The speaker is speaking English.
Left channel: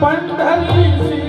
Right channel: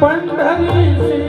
पंढरीची